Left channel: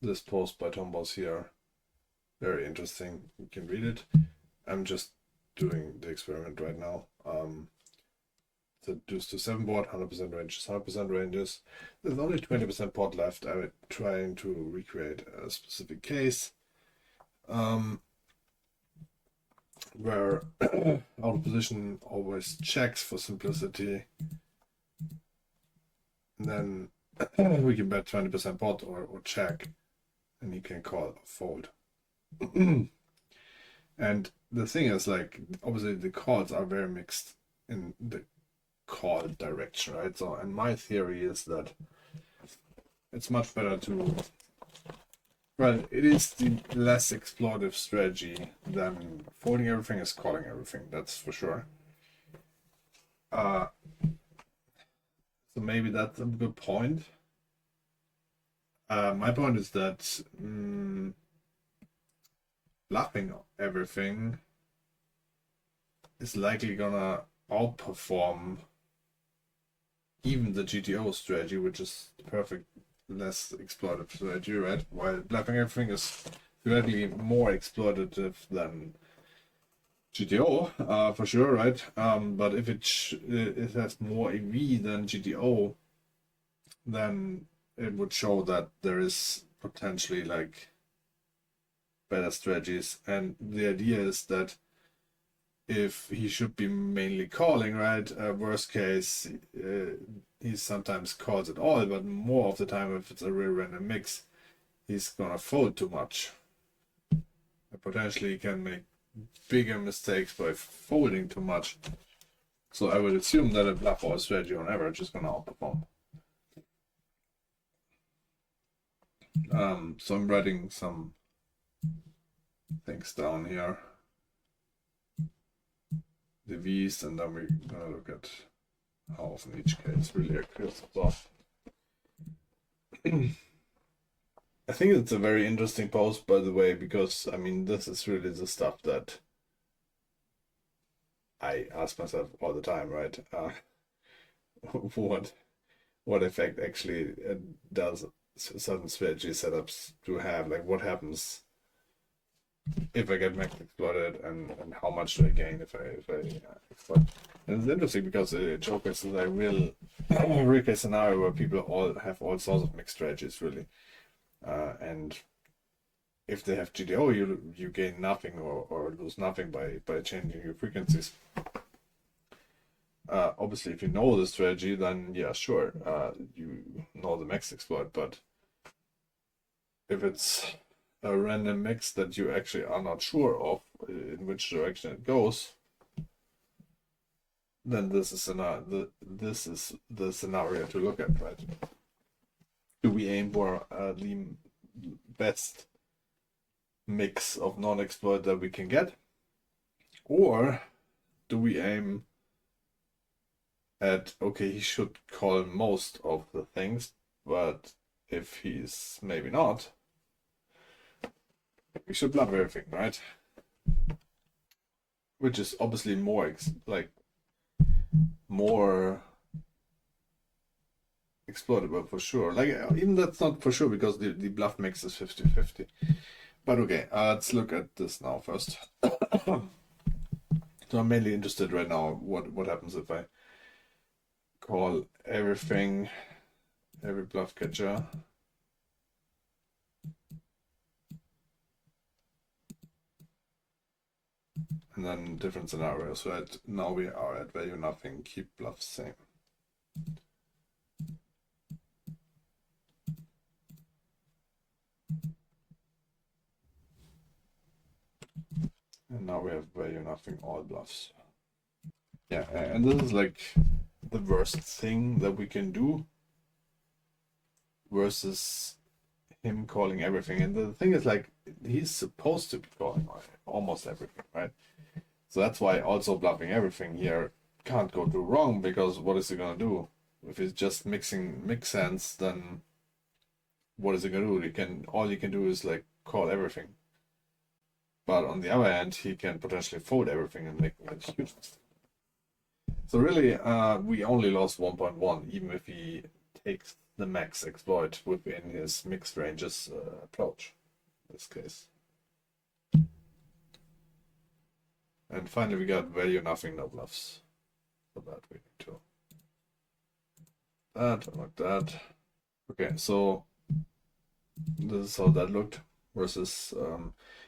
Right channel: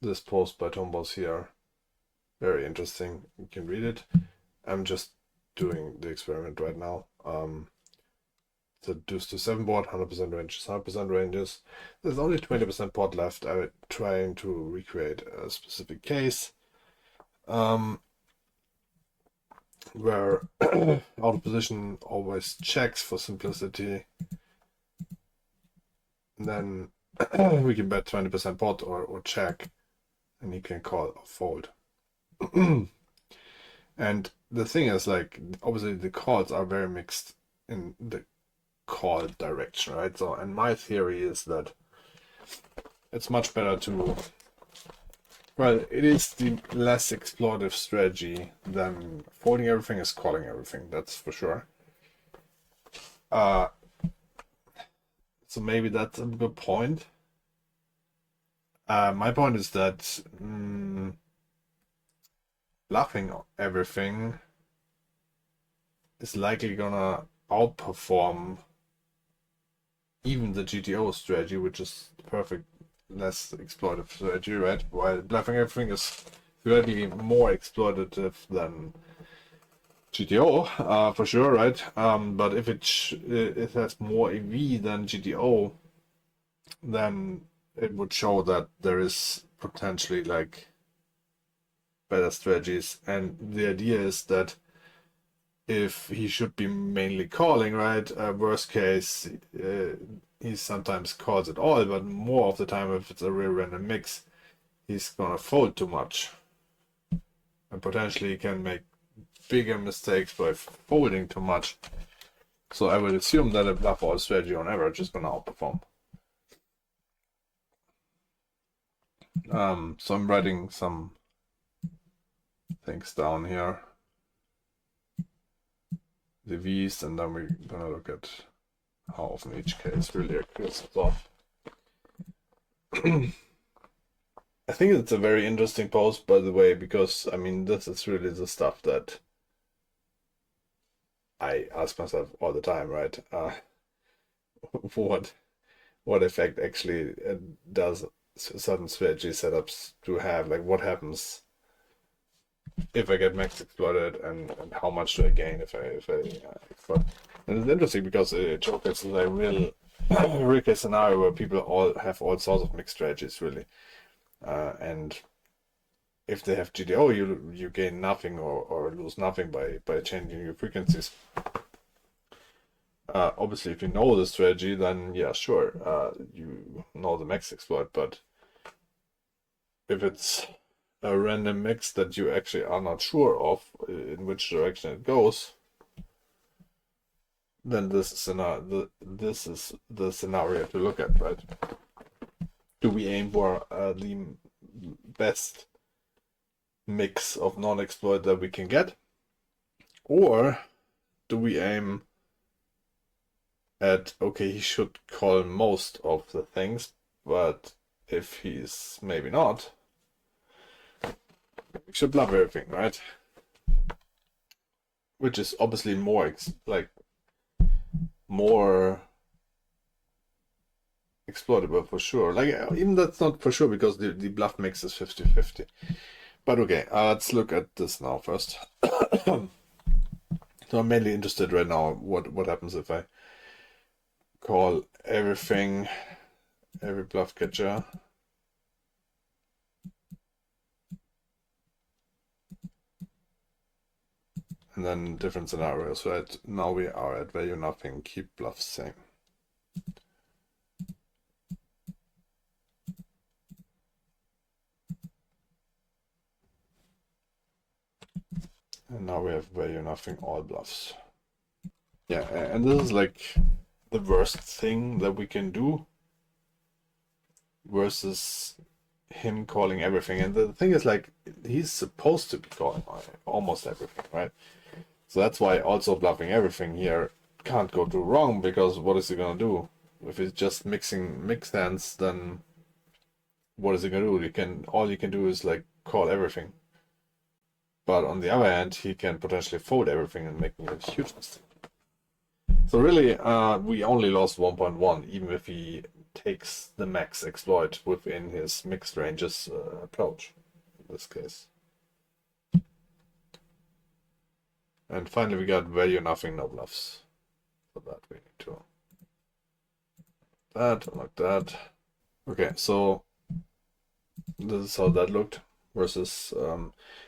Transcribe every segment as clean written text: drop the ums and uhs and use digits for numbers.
this post by Tombos here. Very interesting. You can read it. I'm just doing the experiment right now. The deuce to 7 board, 100% ranges, 100% ranges. There's only 20% pot left. I'm trying to recreate a specific case where out of position always checks for simplicity. And then we can bet 20% pot or check, and he can call or fold. And the thing is, like, obviously the calls are very mixed in the call direction, right? So, and my theory is that it's much better to, well, it is the less exploitive strategy than folding everything is calling everything, that's for sure. So maybe that's a good point. My point is that bluffing everything is likely gonna outperform even the GTO strategy, which is the perfect less exploitative strategy, right? While bluffing everything is theoretically more exploitative than GTO, for sure, right? But if it has more EV than GTO, then it would show that there is potentially like better strategies. And the idea is that if he should be mainly calling, right? Worst case, he sometimes calls it all, but more of the time, if it's a real random mix, he's gonna fold too much. And potentially can make bigger mistakes by folding too much. So I would assume that a bluff all strategy on average is gonna outperform. So I'm writing some things down here. The V's, and then we're gonna look at how often each case really occurs. So I think it's a very interesting post, by the way, because I mean this is really the stuff that I ask myself all the time, right? What effect actually does certain strategy setups to have? Like, what happens if I get max exploited, and how much do I gain if I exploit? And it's interesting because Joker is a real case scenario where people all have all sorts of mixed strategies, really, and if they have GTO, you gain nothing or lose nothing by changing your frequencies. Obviously, if you know the strategy, then yeah, sure, you know the max exploit. But if it's a random mix that you actually are not sure of in which direction it goes, then this is the scenario to look at, right? Do we aim for the best mix of non-exploit that we can get, or do we aim at, okay, he should call most of the things, but if he's maybe not, we should bluff everything, right? Which is obviously more more exploitable for sure. Like, even that's not for sure because the bluff mix is 50-50. But okay, let's look at this now first. So I'm mainly interested right now what happens if I call everything, every bluff catcher. And then different scenarios, right? Now we are at value nothing, keep bluff same. And now we have value nothing, all bluffs. Yeah, and this is like the worst thing that we can do versus him calling everything. And the thing is, like, he's supposed to be calling almost everything, right? So that's why also bluffing everything here can't go too wrong, because what is he gonna do? If he's just mixing mix hands, then what is he gonna do? All you can do is like call everything. But on the other hand, he can potentially fold everything and making a huge mistake. So really, we only lost 1.1, even if he takes the max exploit within his mixed ranges approach in this case. And finally we got value nothing, no bluffs. For that we need to that, like that. Okay, so this is how that looked versus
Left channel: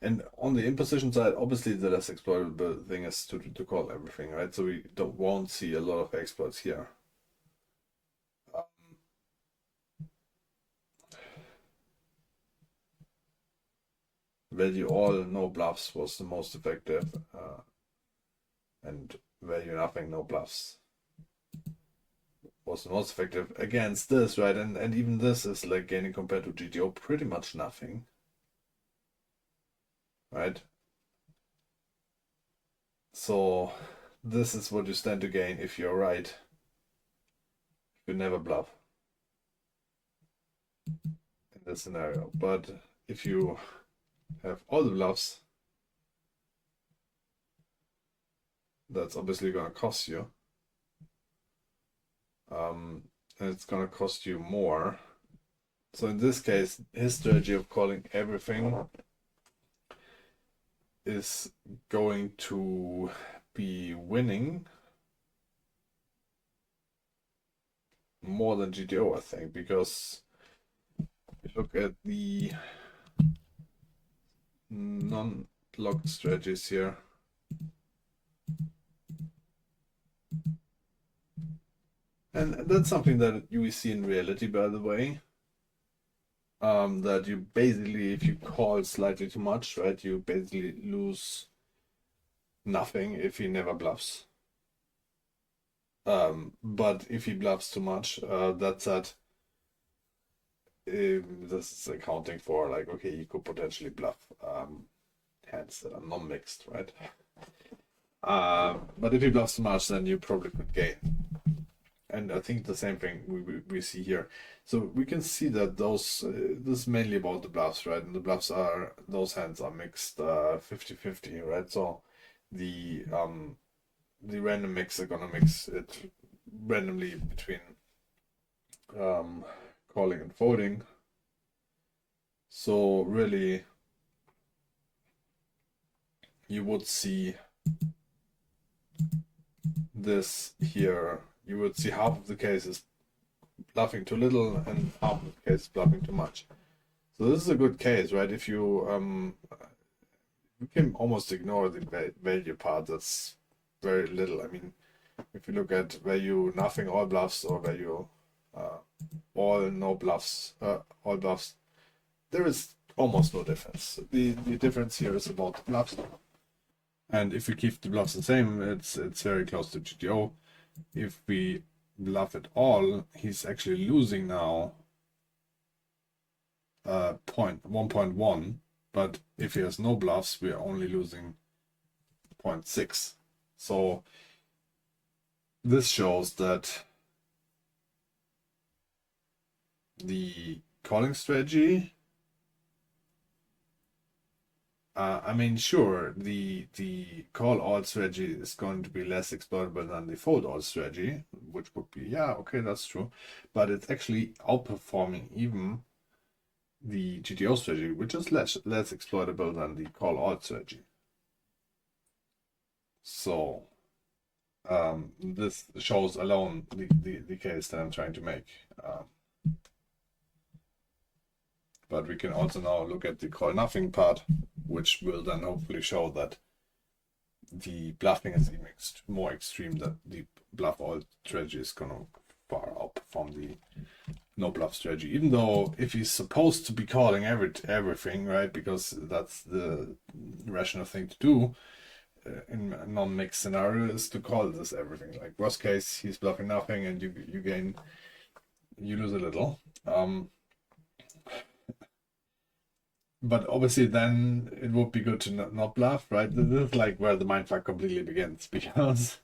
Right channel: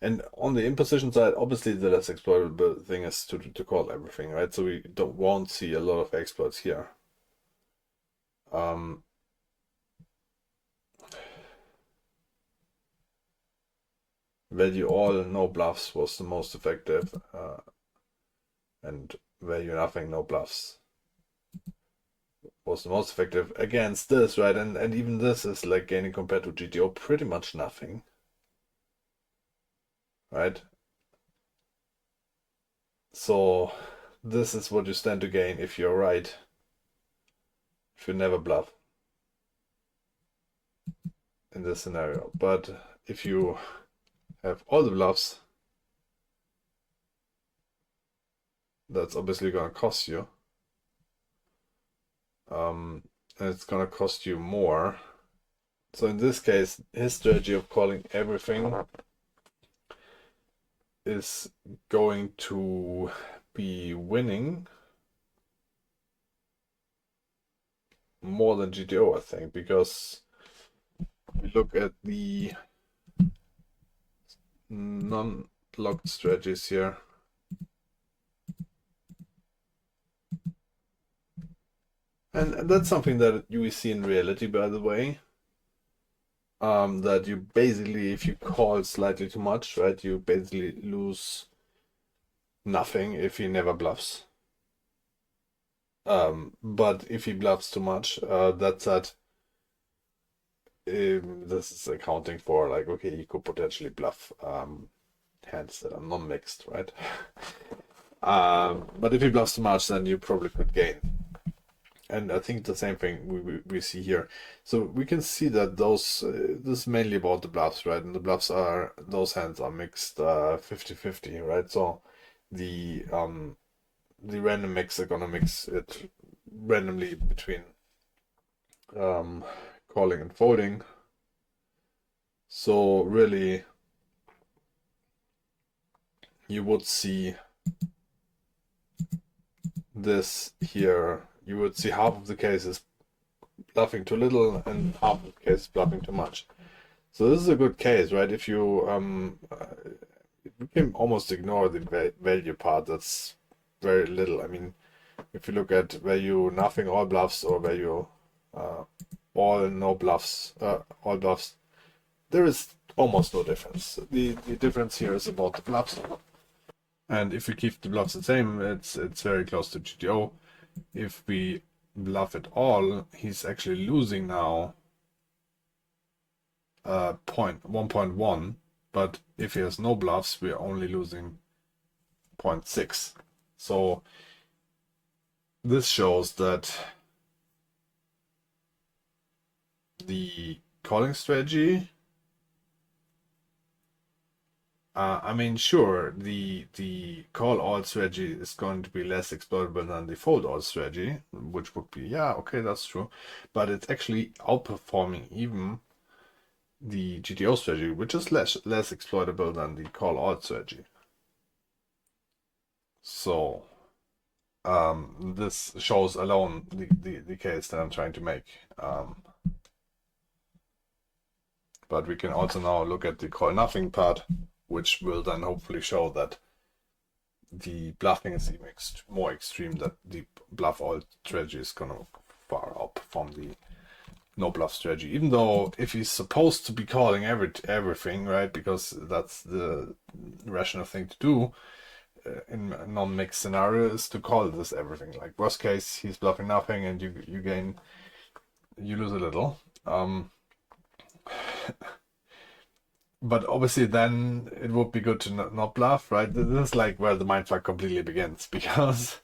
and on the imposition side, obviously the less exploitable thing is to call everything, right? So we won't see a lot of exploits here. Value all, no bluffs was the most effective, and value nothing, no bluffs was the most effective against this, right? And even this is like gaining compared to GTO pretty much nothing, right? So this is what you stand to gain if you're right, if you never bluff in this scenario. But if you have all the bluffs, that's obviously going to cost you. And it's going to cost you more. So in this case, his strategy of calling everything is going to be winning more than GTO, I think, because we look at the non-locked strategies here. And that's something that you see in reality, by the way. That you basically, if you call slightly too much, right, you basically lose nothing if he never bluffs. But if he bluffs too much, that's that. This is accounting for like, okay, you could potentially bluff hands that are non-mixed, right? But if he bluffs too much, then you probably could gain. And I think the same thing we see here. So we can see that those this is mainly about the bluffs, right? And the bluffs are, those hands are mixed 50-50, right? So the random mix are gonna mix it randomly between calling and folding. So really you would see this here. You would see half of the cases bluffing too little and half of the cases bluffing too much. So this is a good case, right? If you we can almost ignore the value part. That's very little. I mean, if you look at value nothing, all bluffs, or value all no bluffs, all bluffs, there is almost no difference. The difference here is about the bluffs. And if we keep the bluffs the same, it's very close to GTO. If we bluff it all, he's actually losing now 1.1, but if he has no bluffs, we're only losing 0.6. So this shows that the calling strategy, I mean, sure, the call all strategy is going to be less exploitable than the fold all strategy, which would be, yeah, okay, that's true, but it's actually outperforming even the GTO strategy, which is less exploitable than the call all strategy. So this shows alone the case that I'm trying to make. But we can also now look at the call nothing part, which will then hopefully show that the bluffing is even more extreme, that the bluff all strategy is gonna far outperform the no bluff strategy. Even though if he's supposed to be calling everything, right, because that's the rational thing to do in a non-mixed scenario, is to call this everything. Like worst case, he's bluffing nothing, and you lose a little. But obviously then it would be good to not bluff, right? This is like where the mindfuck completely begins, because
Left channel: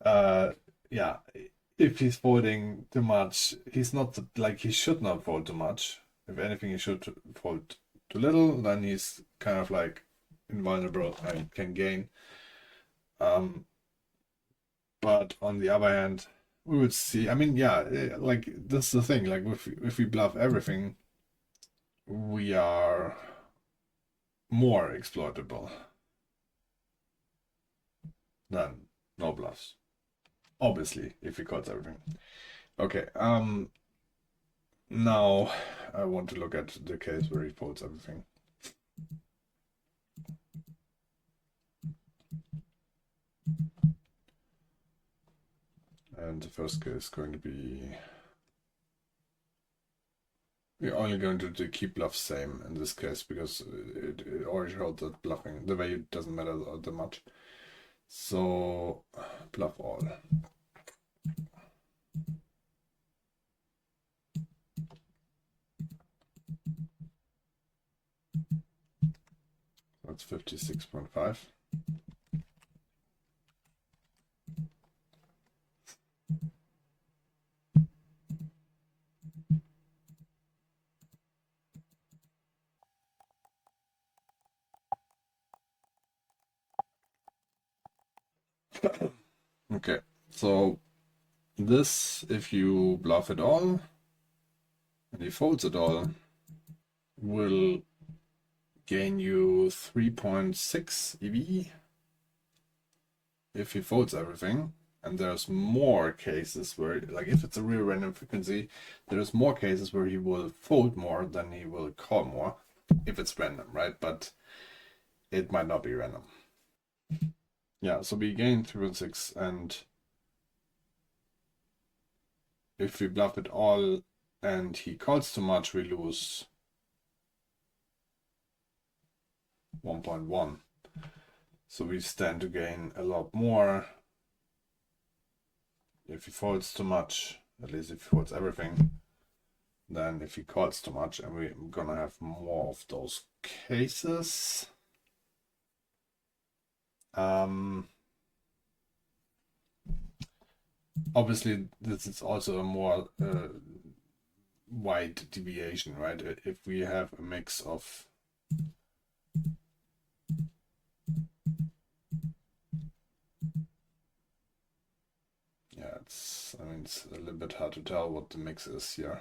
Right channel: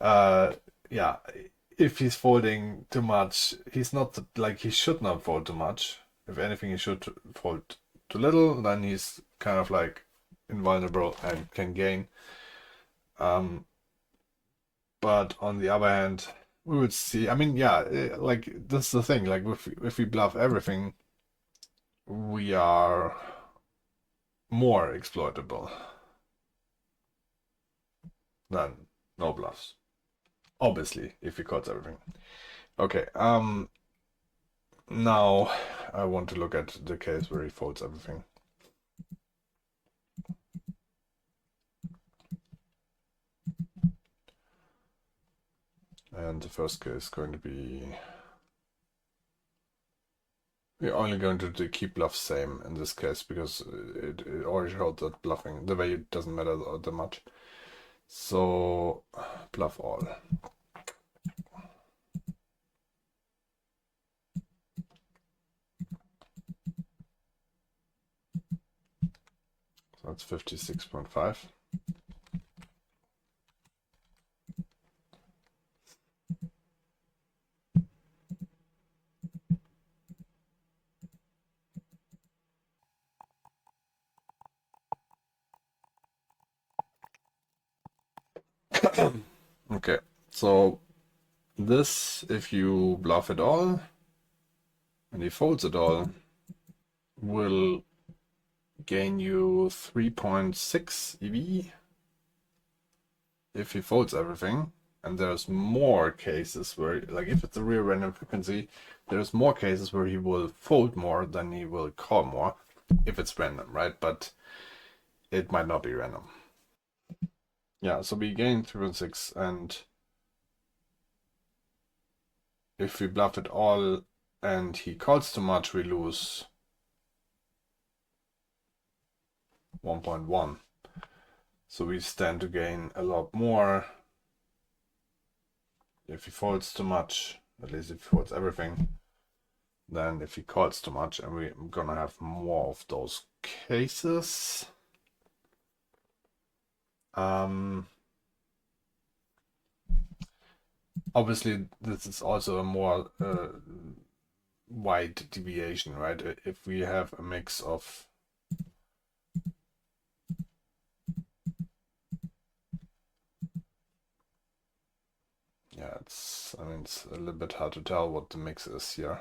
yeah, if he's folding too much, he's not like, he should not fold too much. If anything, he should fold too little, then he's kind of like invulnerable and can gain. But on the other hand, we would see. I mean, yeah, like this is the thing. Like if we bluff everything, we are more exploitable than no bluffs. Obviously, if he calls everything. Okay, now I want to look at the case where he folds everything. And the first case is going to be... We're only going to do keep bluff same in this case because it already showed that bluffing, the value doesn't matter that much. So bluff all. So that's 56.5. Okay, so this, if you bluff it all and he folds it all, will gain you 3.6 EV if he folds everything. And there's more cases where, like if it's a real random frequency, there's more cases where he will fold more than he will call more if it's random, right? But it might not be random. Yeah, so we gain 3.6, and if we bluff it all and he calls too much, we lose 1.1. So we stand to gain a lot more if he folds too much, at least if he folds everything, than if he calls too much, and we're gonna have more of those cases. Obviously, this is also a more wide deviation, right? If we have a mix of I mean, it's a little bit hard to tell what the mix is here.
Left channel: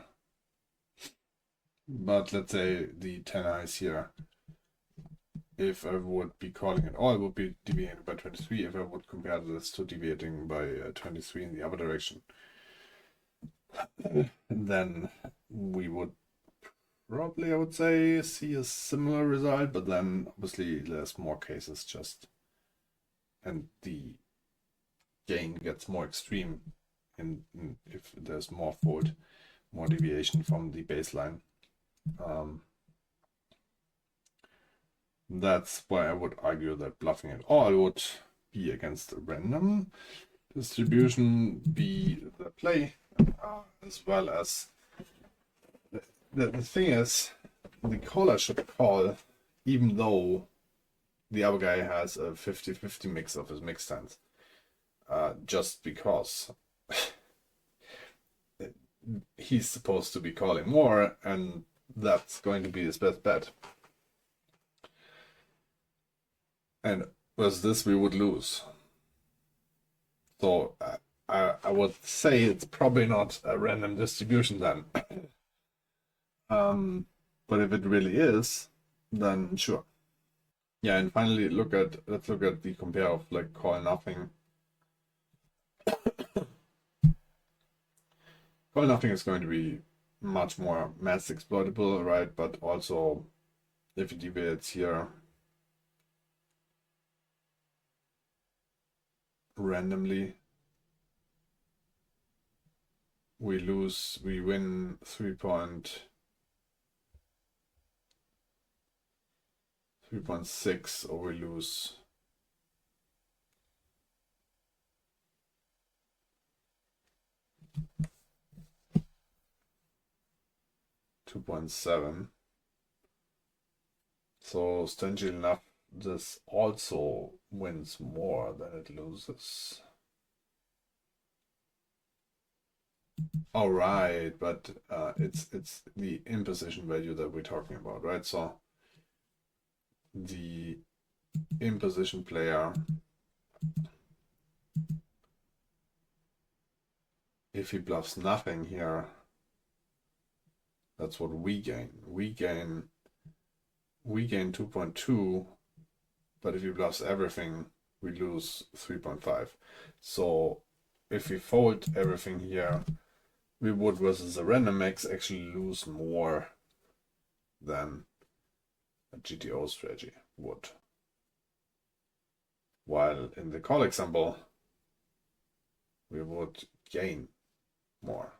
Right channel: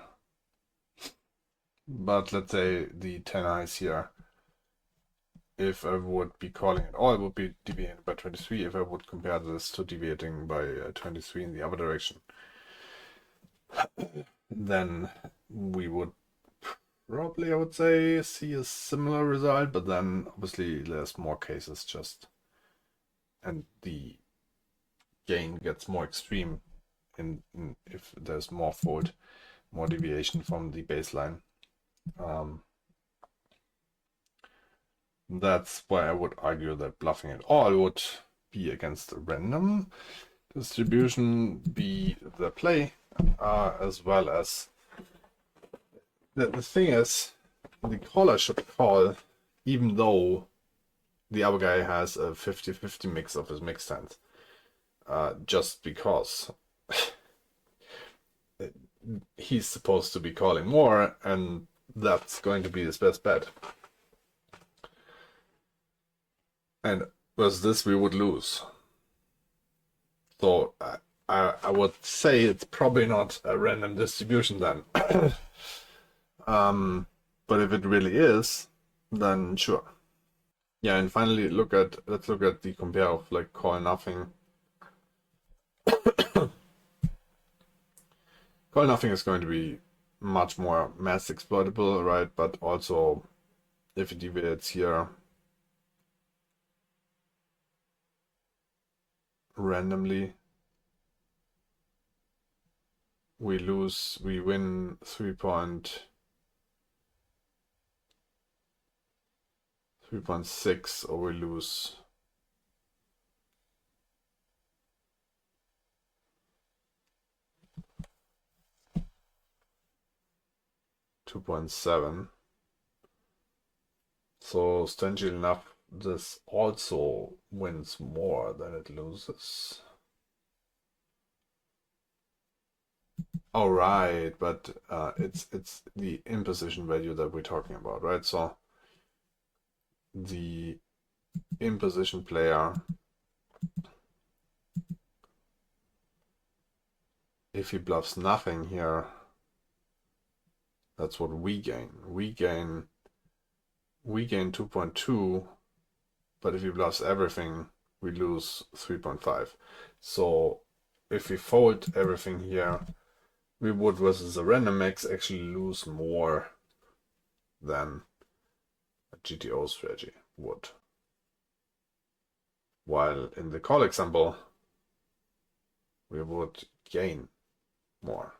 But let's say the 10 eyes here, if I would be calling it all, it would be deviating by 23 if I would compare this to deviating by 23 in the other direction. Then we would probably, I would say, see a similar result, but then obviously there's more cases just, and the gain gets more extreme in if there's more fold, more deviation from the baseline. That's why I would argue that bluffing it all would be against a random distribution, be the play, as well as the thing is, the caller should call even though the other guy has a 50-50 mix of his mix stands, just because he's supposed to be calling more, and that's going to be his best bet. And with this, we would lose. So I would say it's probably not a random distribution then. But if it really is, then sure. Yeah, and finally let's look at the compare of like call nothing. Call nothing is going to be much more mass exploitable, right? But also if it deviates here randomly, we win 3.6, or we lose 2.7. So strangely enough, this also wins more than it loses. Oh, right, but it's the imposition value that we're talking about, right? So the imposition player if he bluffs nothing here, that's what we gain. We gain 2.2, but if he bluffs everything, we lose 3.5. So if we fold everything here, we would versus a random max actually lose more than a GTO strategy would. While in the call example, we would gain more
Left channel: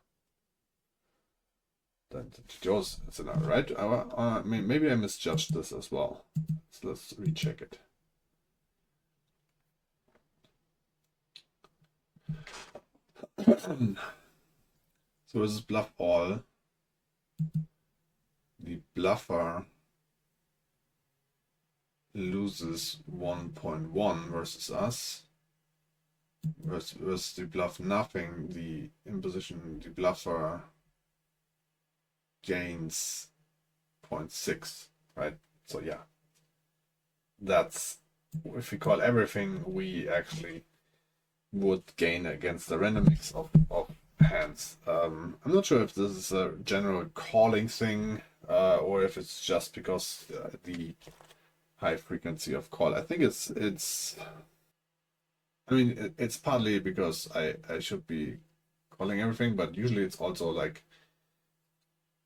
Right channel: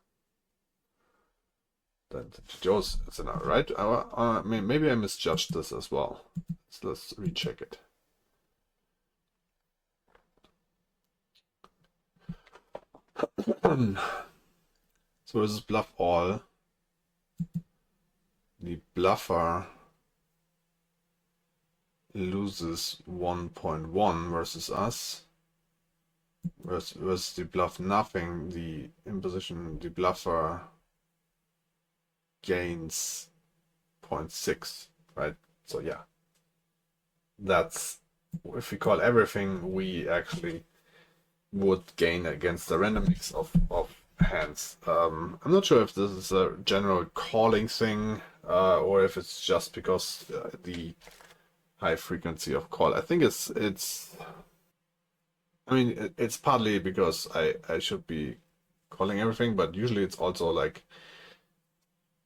than the GTO's scenario, right? I mean, maybe I misjudged this as well. So let's recheck it. So this is bluff all. The bluffer loses 1.1 versus us. Versus the bluff nothing, the imposition, the bluffer gains 0.6, right? So yeah, that's, if we call everything, we actually would gain against the random mix of hands. I'm not sure if this is a general calling thing or if it's just because the high frequency of call. I think it's I mean, it's partly because I should be calling everything, but usually it's also like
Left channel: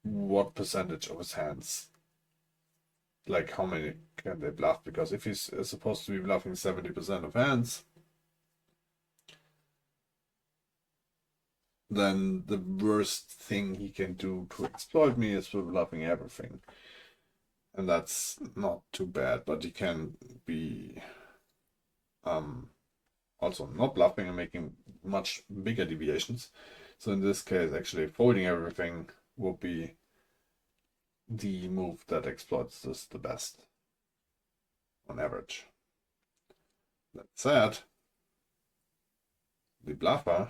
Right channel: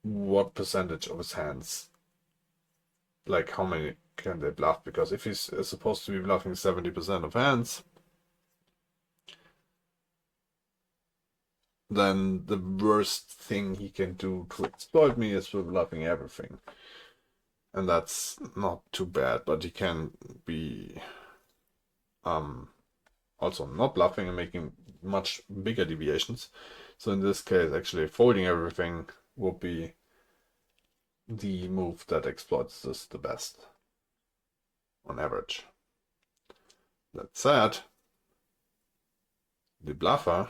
what percentage of his hands, like how many can they bluff? Because if he's supposed to be bluffing 70% of hands, then the worst thing he can do to exploit me is with bluffing everything. And that's not too bad, but he can be also not bluffing and making much bigger deviations. So in this case, actually folding everything will be the move that exploits this the best on average. That said, the bluffer,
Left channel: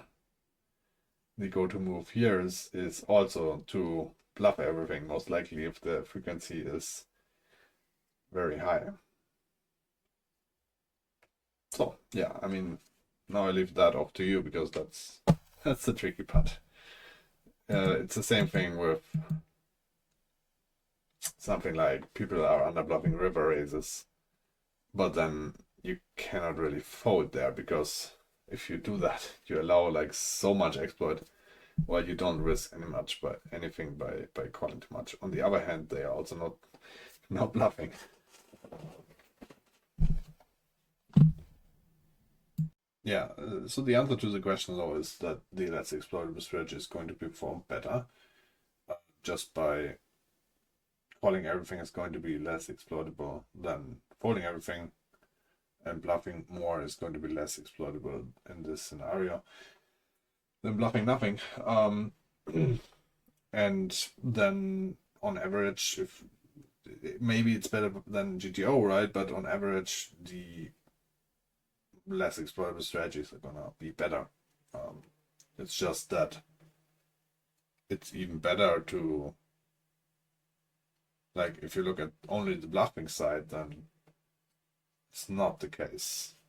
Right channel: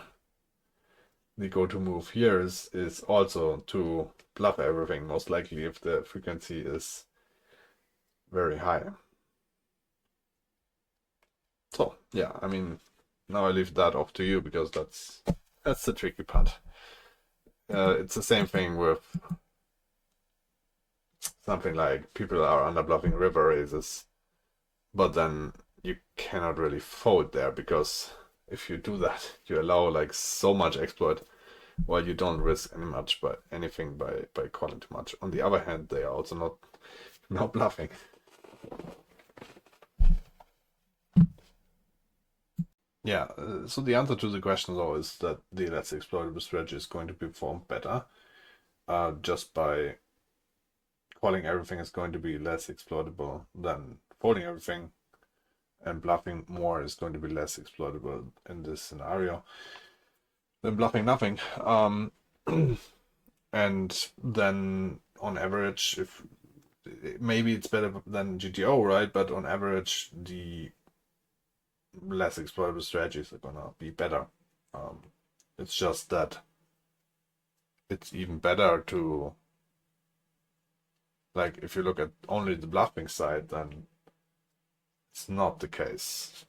the go-to move here is also to bluff everything, most likely if the frequency is very high. So yeah, I mean, now I leave that off to you because that's the tricky part. It's the same thing with something like people are under bluffing river raises, but then you cannot really fold there because if you do that, you allow like so much exploit while you don't risk anything by calling too much. On the other hand, they are also not bluffing. Yeah, so the answer to the question though is that the less exploitable strategy is going to perform better. Just by calling everything is going to be less exploitable than folding everything, and bluffing more is going to be less exploitable in this scenario than bluffing nothing. And then on average, if maybe it's better than GTO, right? But on average, the less exploitable strategies are gonna be better. It's just that it's even better to, like, if you look at only the bluffing side, then it's not the case.